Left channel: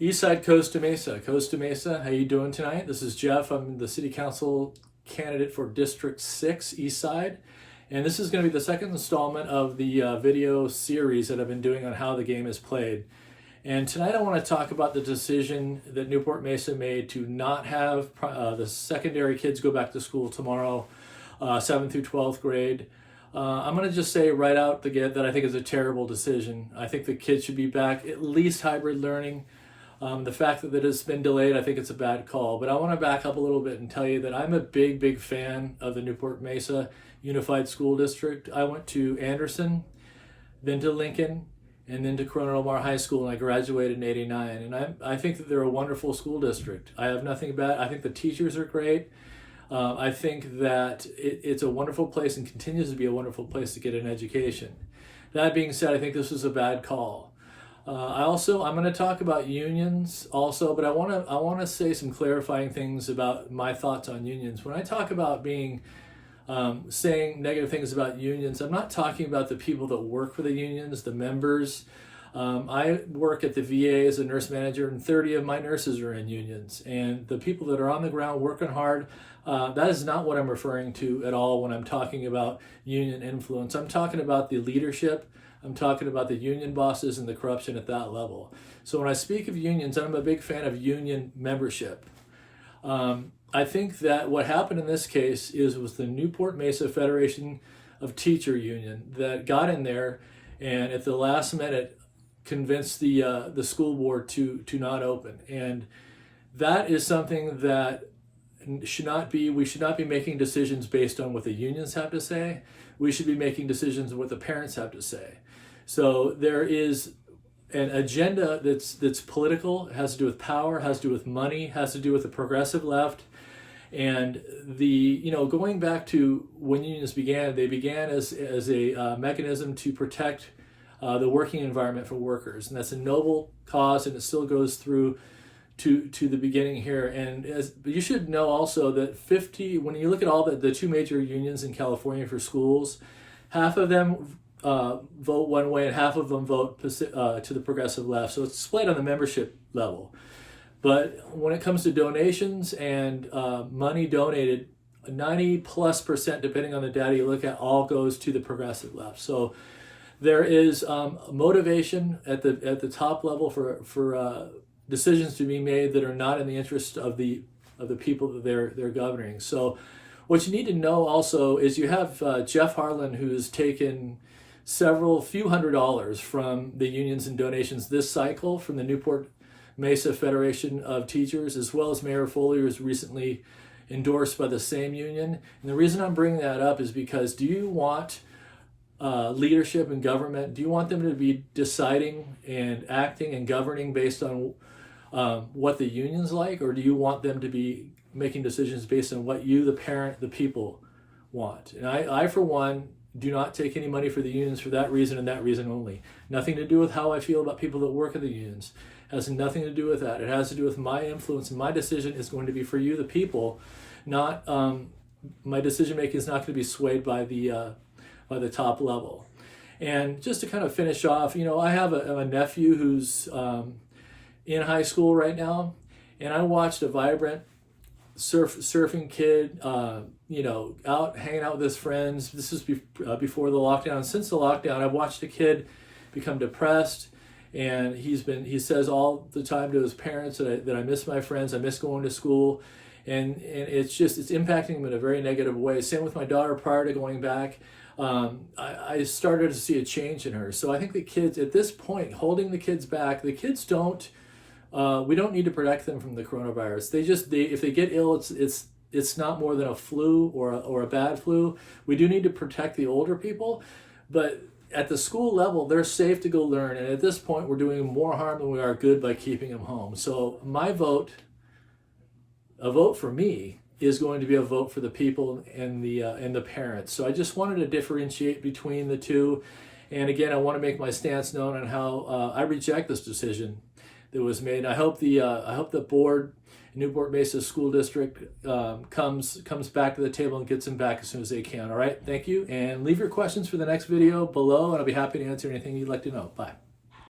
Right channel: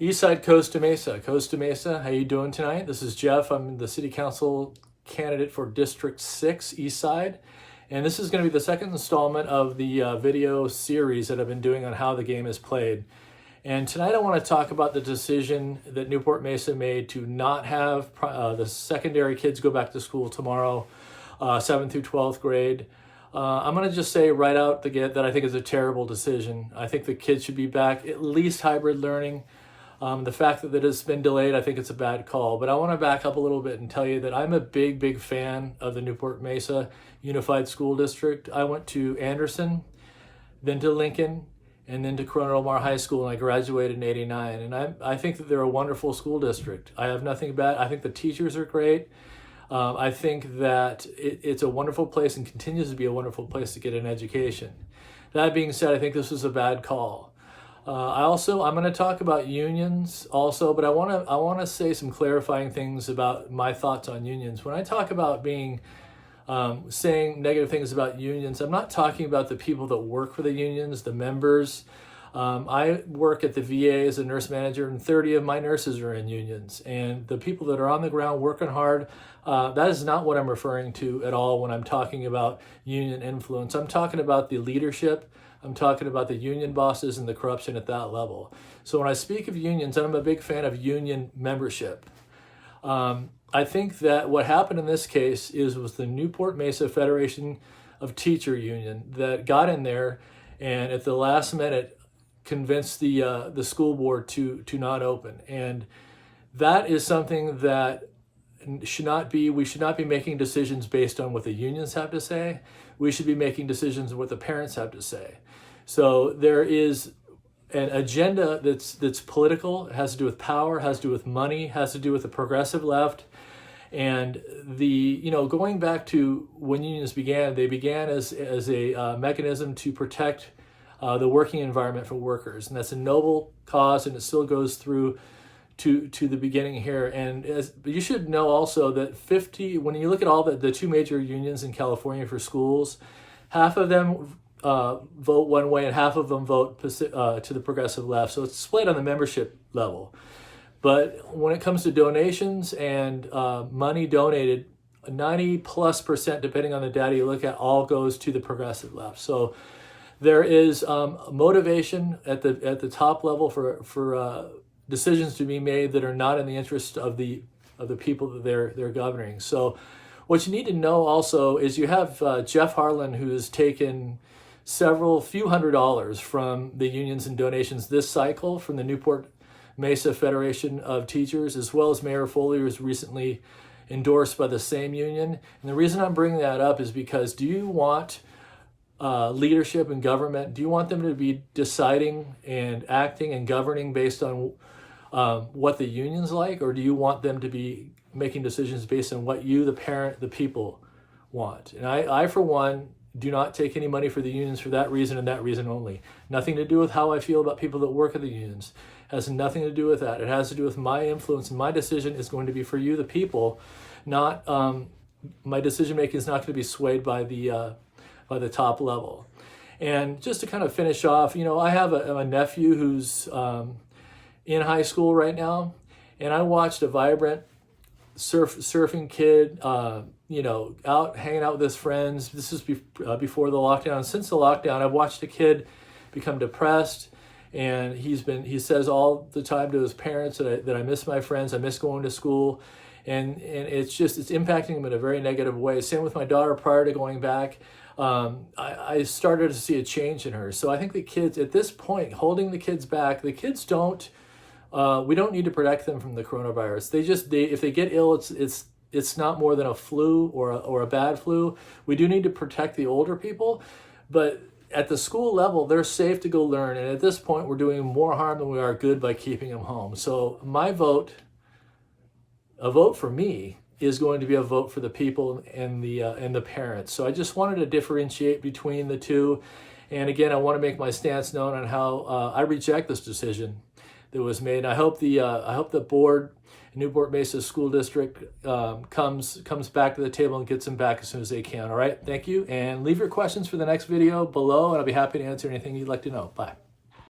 Eastside Costa Mesa. Costa Mesa, how you doing tonight? This is Jeff. I'm the City Council candidate for District 6 Eastside. And this is going to be the second installment of the video series that I've been doing on how the game is played. And tonight I want to talk about the decision that Newport Mesa made to not have the secondary kids go back to school tomorrow, 7th through 12th grade. I'm going to just say right out the gate that I think is a terrible decision. I think the kids should be back, at least hybrid learning. The fact that it's been delayed, I think it's a bad call. But I want to back up a little bit and tell you that I'm a big fan of the Newport Mesa Unified School District. I went to Anderson, then to Lincoln, and then to Corona Del Mar High School, and I graduated in '89. And I think that they're a wonderful school district. I have nothing bad. I think the teachers are great. I think that it's a wonderful place and continues to be a wonderful place to get an education. That being said, I think this was a bad call. I'm going to talk about unions also, but I want to say some clarifying things about my thoughts on unions. When I talk about saying negative things about unions, I'm not talking about the people that work for the unions, the members. I work at the VA as a nurse manager, and 30 of my nurses are in unions. And the people that are on the ground working hard, that is not what I'm referring to at all when I'm talking about union influence. I'm talking about the leadership. I'm talking about the union bosses and the corruption at that level. So when I speak of unions, I'm a big fan of union membership. I think that what happened in this case was the Newport Mesa Federation of Teacher Union that got in there and at the last minute convinced the school board to not open. And that is something that we should not be making decisions based on what the unions have to say. We should be making decisions on what the parents have to say. So there is an agenda that's political, has to do with power, has to do with money, has to do with the progressive left. And going back to when unions began, they began as a mechanism to protect the working environment for workers. And that's a noble cause, and it still goes through to the beginning here. And you should know also that when you look at all the two major unions in California for schools, half of them vote one way and half of them vote to the progressive left. So it's split on the membership level. But when it comes to donations and money donated, 90+%, depending on the data you look at, all goes to the progressive left. So there is motivation at the top level for decisions to be made that are not in the interest of the people that they're governing. So what you need to know also is you have Jeff Harlan, who's taken few $100s from the unions and donations this cycle from the Newport Mesa Federation of Teachers, as well as Mayor Foley, who was recently endorsed by the same union. And the reason I'm bringing that up is because do you want leadership in government? Do you want them to be deciding and acting and governing based on what the unions like, or do you want them to be making decisions based on what you, the parent, the people want? And I for one, do not take any money for the unions for that reason and that reason only. Nothing to do with how I feel about people that work at the unions. It has nothing to do with that. It has to do with my influence, and my decision is going to be for you, the people. Not my decision making is not going to be swayed by the top level. And just to kind of finish off, I have a nephew who's in high school right now, and I watched a vibrant surfing kid, out hanging out with his friends. This was before the lockdown. Since the lockdown, I've watched a kid become depressed, and he says all the time to his parents that I miss my friends, I miss going to school, and it's impacting him in a very negative way. Same with my daughter prior to going back. I started to see a change in her. So I think the kids at this point, holding the kids back, the kids we don't need to protect them from the coronavirus. If they get ill, it's not more than a flu or a bad flu. We do need to protect the older people, but at the school level, they're safe to go learn. And at this point, we're doing more harm than we are good by keeping them home. So a vote for me is going to be a vote for the people and the parents. So I just wanted to differentiate between the two. And again, I want to make my stance known on how I reject this decision that was made. I hope the board, Newport Mesa School District, comes back to the table and gets them back as soon as they can. All right, thank you, and leave your questions for the next video below, and I'll be happy to answer anything you'd like to know. Bye.